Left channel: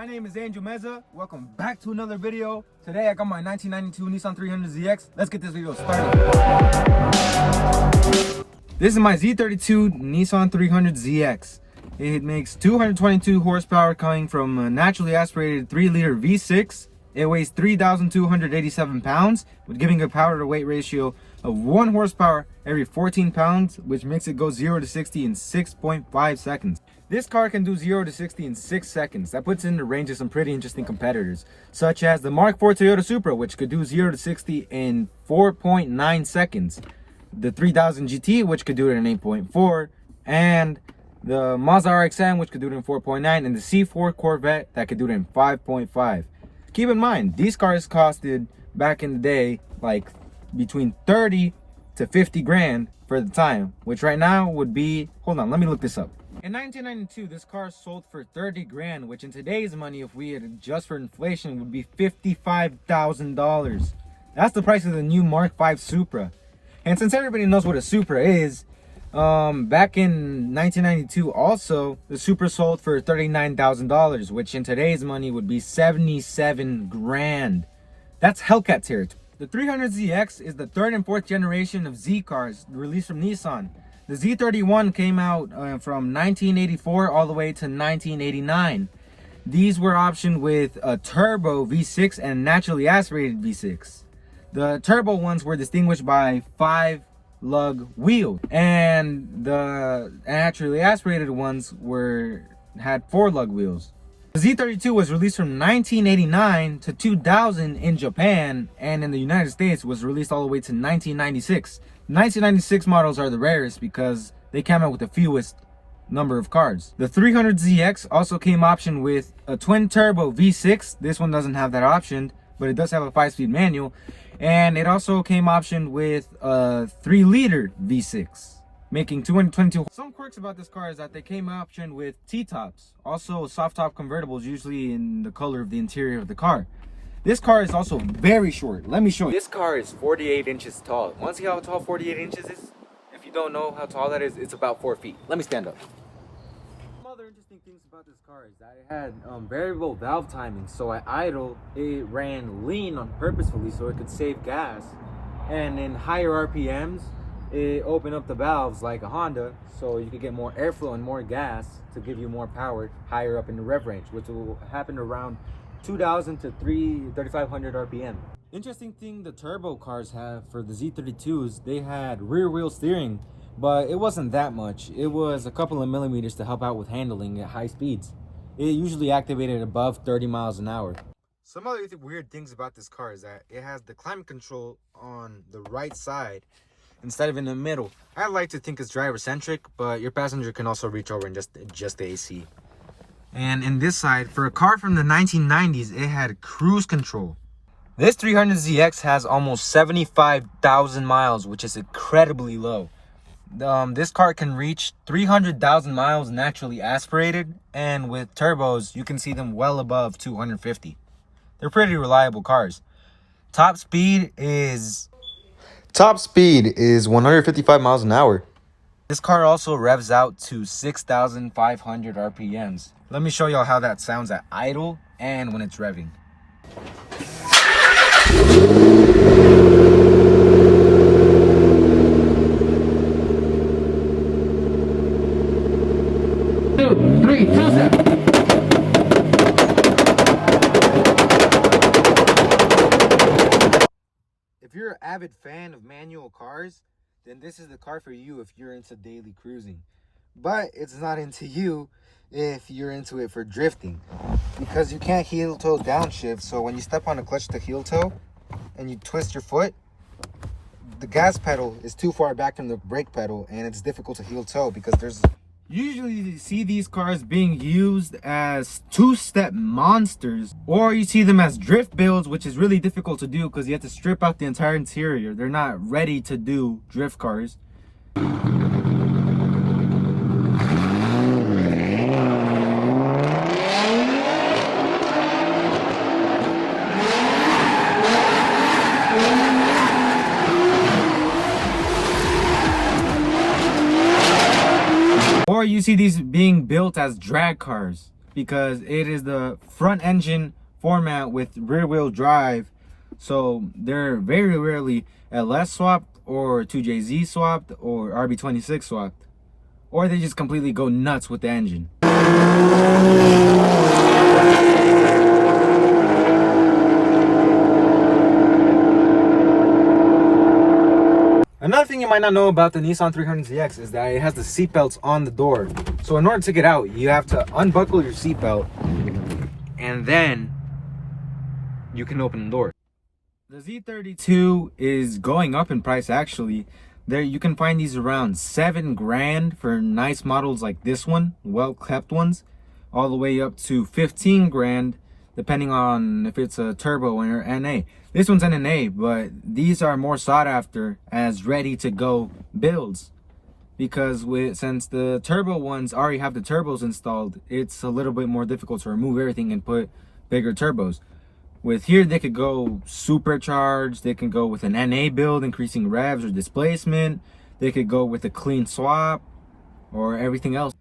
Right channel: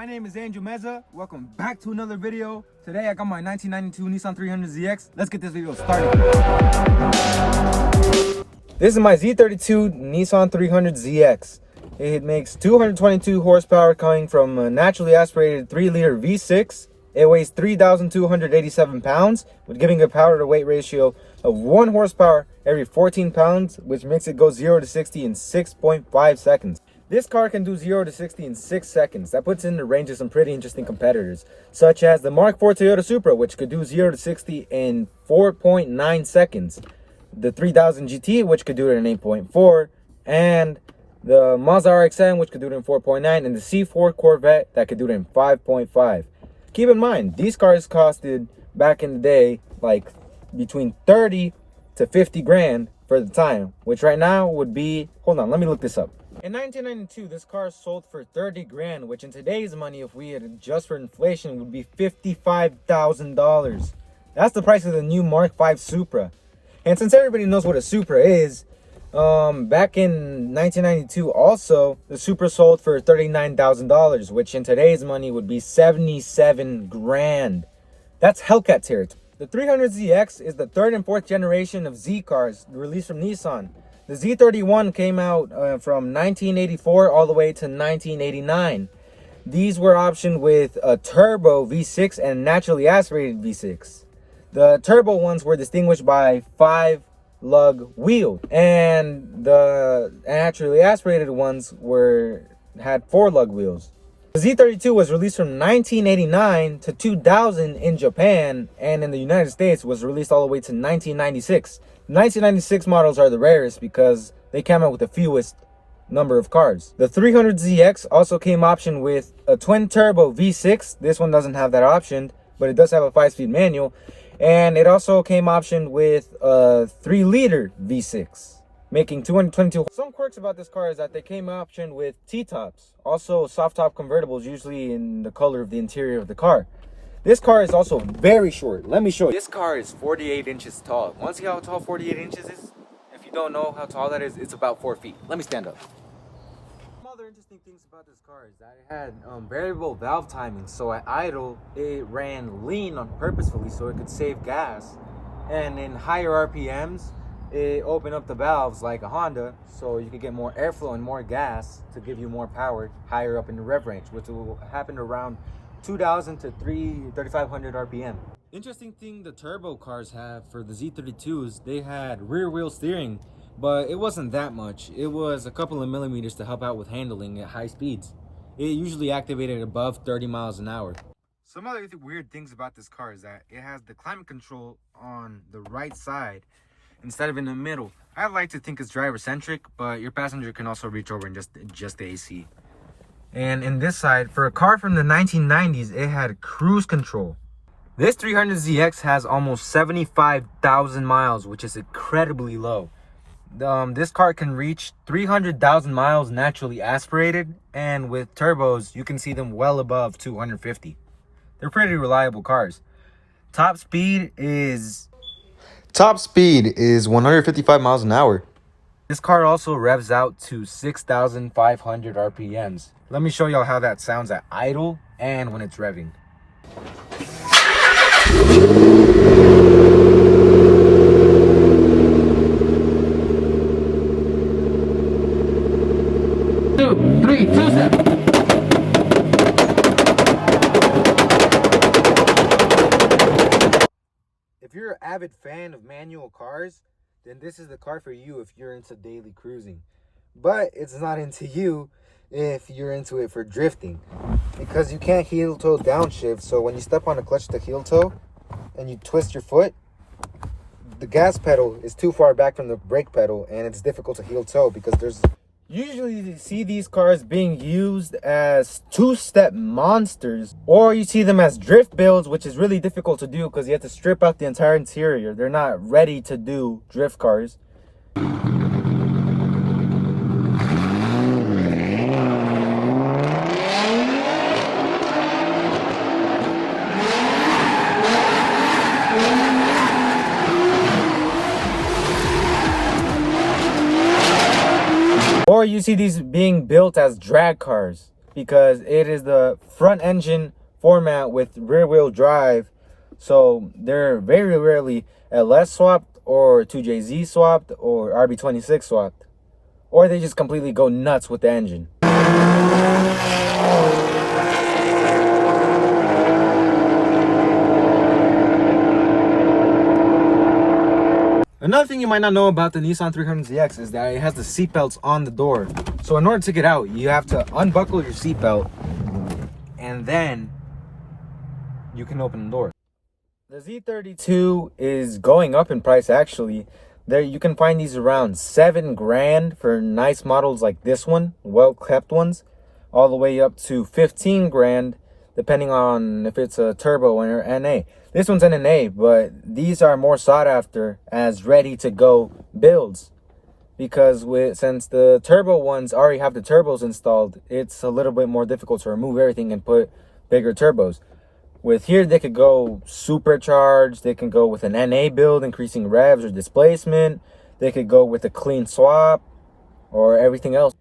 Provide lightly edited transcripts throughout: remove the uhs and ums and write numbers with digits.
My name is Angel Meza. Welcome back to another video. Today I got my 1992 Nissan 300ZX. Let's get this video started. This is my Z32 Nissan 300ZX. It makes 222 horsepower coming from a naturally aspirated 3-liter V6. It weighs 3,287 pounds with giving a power to weight ratio of 1 horsepower every 14 pounds, which makes it go 0 to 60 in 6.5 seconds. This car can do 0 to 60 in 6 seconds. That puts it in the range of some pretty interesting competitors, such as the Mark IV Toyota Supra, which could do 0 to 60 in 4.9 seconds. The 3000 GT, which could do it in 8.4, and the Mazda RX-7, which could do it in 4.9, and the C4 Corvette that could do it in 5.5. Keep in mind, these cars costed back in the day like between 30 to 50 grand for the time, which right now would be, hold on, let me look this up. In 1992, this car sold for 30 grand, which in today's money, if we adjust for inflation, would be $55,000. That's the price of the new Mark V Supra. And since everybody knows what a Supra is, back in 1992 also, the Supra sold for $39,000, which in today's money would be 77 grand. That's Hellcat territory. The 300ZX is the 3rd and 4th generation of Z cars released from Nissan. The Z31 came out from 1984 all the way to 1989. These were optioned with a turbo V6 and naturally aspirated V6. The turbo ones were distinguished by 5-lug wheels, and the naturally aspirated ones had 4-lug wheels. The Z32 was released from 1989 to 2000 in Japan, and in the United States was released all the way to 1996. 1996 models are the rarest because they came out with the fewest number of cars. The 300ZX also came optioned with a twin turbo V6. This one doesn't have that option, but it does have a 5-speed manual. And it also came optioned with a 3-liter V6, making 222. Some quirks about this car is that they came optioned with T-tops, also soft top convertibles, usually in the color of the interior of the car. This car is also very short. Let me show you. This car is 48 inches tall. Want to see how tall 48 inches is? If you don't know how tall that is, it's about 4 feet. Let me stand up. Some other interesting things about this car is that it had variable valve timing. So at idle, it ran lean on purposefully so it could save gas. And in higher RPMs, it opened up the valves like a Honda so you could get more airflow and more gas to give you more power higher up in the rev range, which will happen around 2,000 to 3,500 RPM. Interesting thing the turbo cars have for the Z32s, they had rear wheel steering, but it wasn't that much. It was a couple of millimeters to help out with handling at high speeds. It usually activated above 30 miles an hour. Some other weird things about this car is that it has the climate control on the right side instead of in the middle. I like to think it's driver centric, but your passenger can also reach over and just adjust the AC. And in this side, for a car from the 1990s, it had cruise control. This 300ZX has almost 75,000 miles, which is incredibly low. This car can reach 300,000 miles naturally aspirated, and with turbos, you can see them well above 250. They're pretty reliable cars. Top speed is 155 miles an hour. This car also revs out to 6,500 RPMs. Let me show y'all how that sounds at idle and when it's revving. 2, 3, 2, 7. If you're an avid fan of manual cars, then this is the car for you if you're into daily cruising. But it's not into you if you're into it for drifting, because you can't heel toe downshift. So when you step on the clutch to heel toe and you twist your foot, the gas pedal is too far back from the brake pedal, and it's difficult to heel toe because there's usually you see these cars being used as 2-step monsters, or you see them as drift builds, which is really difficult to do because you have to strip out the entire interior. They're not ready to do drift cars. Or you see these being built as drag cars. because it is the front engine format with rear wheel drive. So they're very rarely LS swapped or 2JZ swapped or RB26 swapped. Or they just completely go nuts with the engine. Another thing you might not know about the Nissan 300ZX is that it has the seat belts on the door. So in order to get out, you have to unbuckle your seat belt and then you can open the door. The Z32 is going up in price actually. There you can find these around $7 grand for nice models like this one, well kept ones, all the way up to 15 grand depending on if it's a turbo or NA. This one's NA, but these are more sought after as ready to go builds, because since the turbo ones already have the turbos installed, it's a little bit more difficult to remove everything and put bigger turbos. With here, they could go supercharged, they can go with an NA build, increasing revs or displacement. They could go with a clean swap or everything else.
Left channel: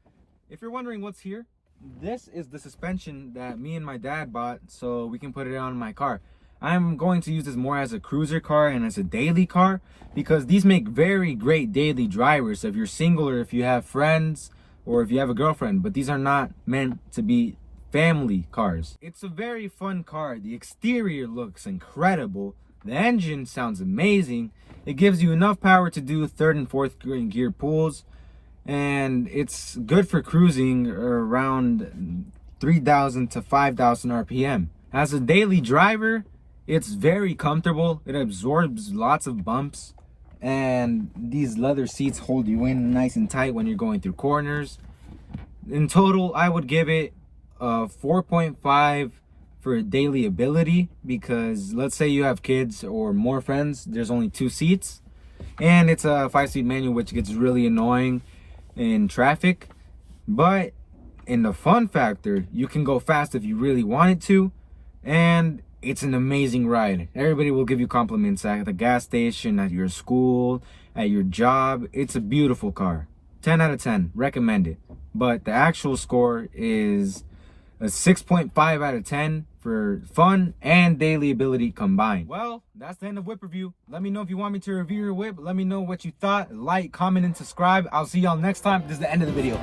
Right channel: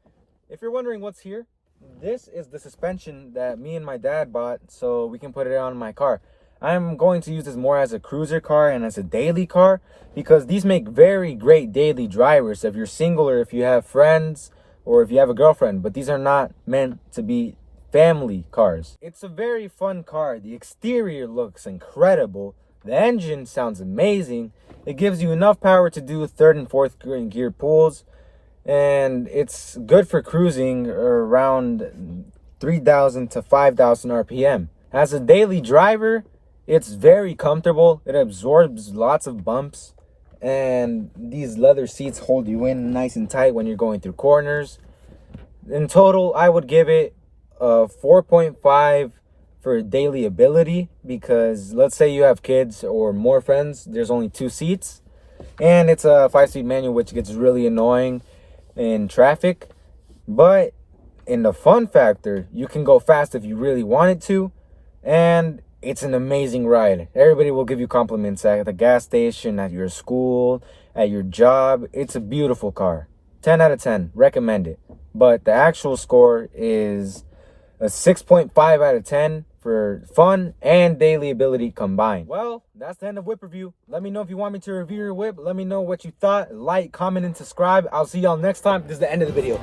If you're wondering what's here, this is the suspension that me and my dad bought so we can put it on my car. I'm going to use this more as a cruiser car and as a daily car because these make very great daily drivers if you're single or if you have friends or if you have a girlfriend, but these are not meant to be family cars. It's a very fun car. The exterior looks incredible. The engine sounds amazing. It gives you enough power to do third and fourth gear pulls, and it's good for cruising around 3,000 to 5,000 RPM. As a daily driver, it's very comfortable. It absorbs lots of bumps, and these leather seats hold you in nice and tight when you're going through corners. In total, I would give it a 4.5 for daily ability, because let's say you have kids or more friends, there's only 2 seats, and it's a 5-seat manual, which gets really annoying in traffic. But in the fun factor, you can go fast if you really wanted to, and it's an amazing ride. Everybody will give you compliments at the gas station, at your school, at your job. It's a beautiful car. 10 out of 10. Recommend it. But the actual score is a 6.5 out of 10 for fun and daily ability combined. Well, that's the end of whip review. Let me know if you want me to review your whip. Let me know what you thought. Like, comment, and subscribe. I'll see y'all next time. This is the end of the video.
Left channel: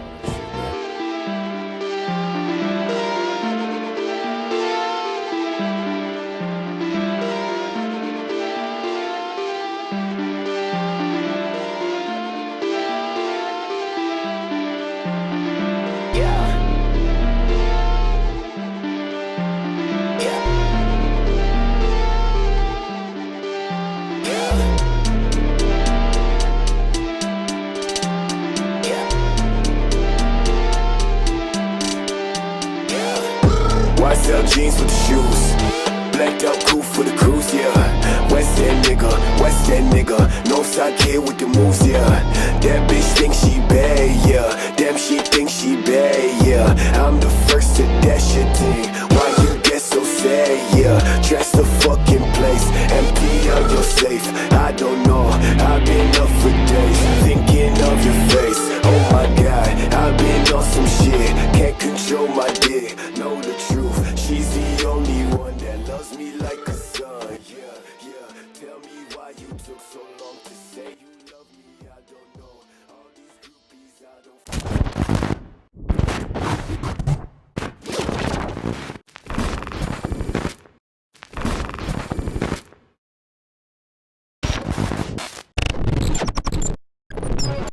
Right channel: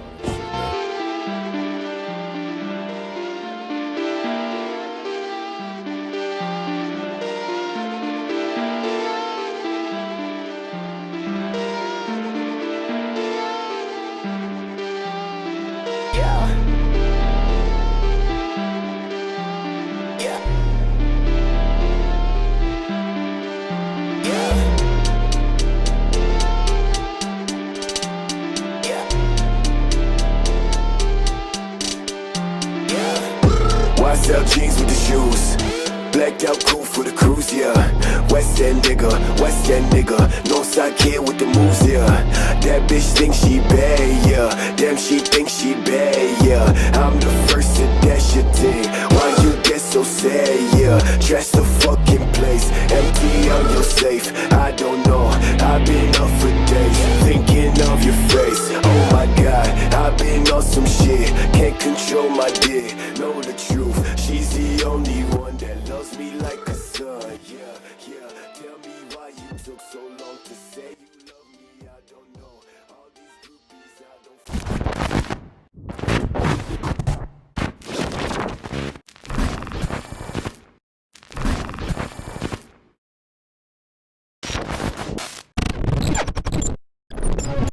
Sell jeans with the shoes, blacked out cool for the cruise, yeah. West End nigga, no side kid with the moves, yeah. That bitch thinks she bad, yeah. Damn, she thinks she bad, yeah. I'm the first to dash your thing. Why you get so sad, yeah? Trash the fucking place, empty on your safe. I don't know, I've been up for days, thinking of your face. Oh my God, I've been on some shit.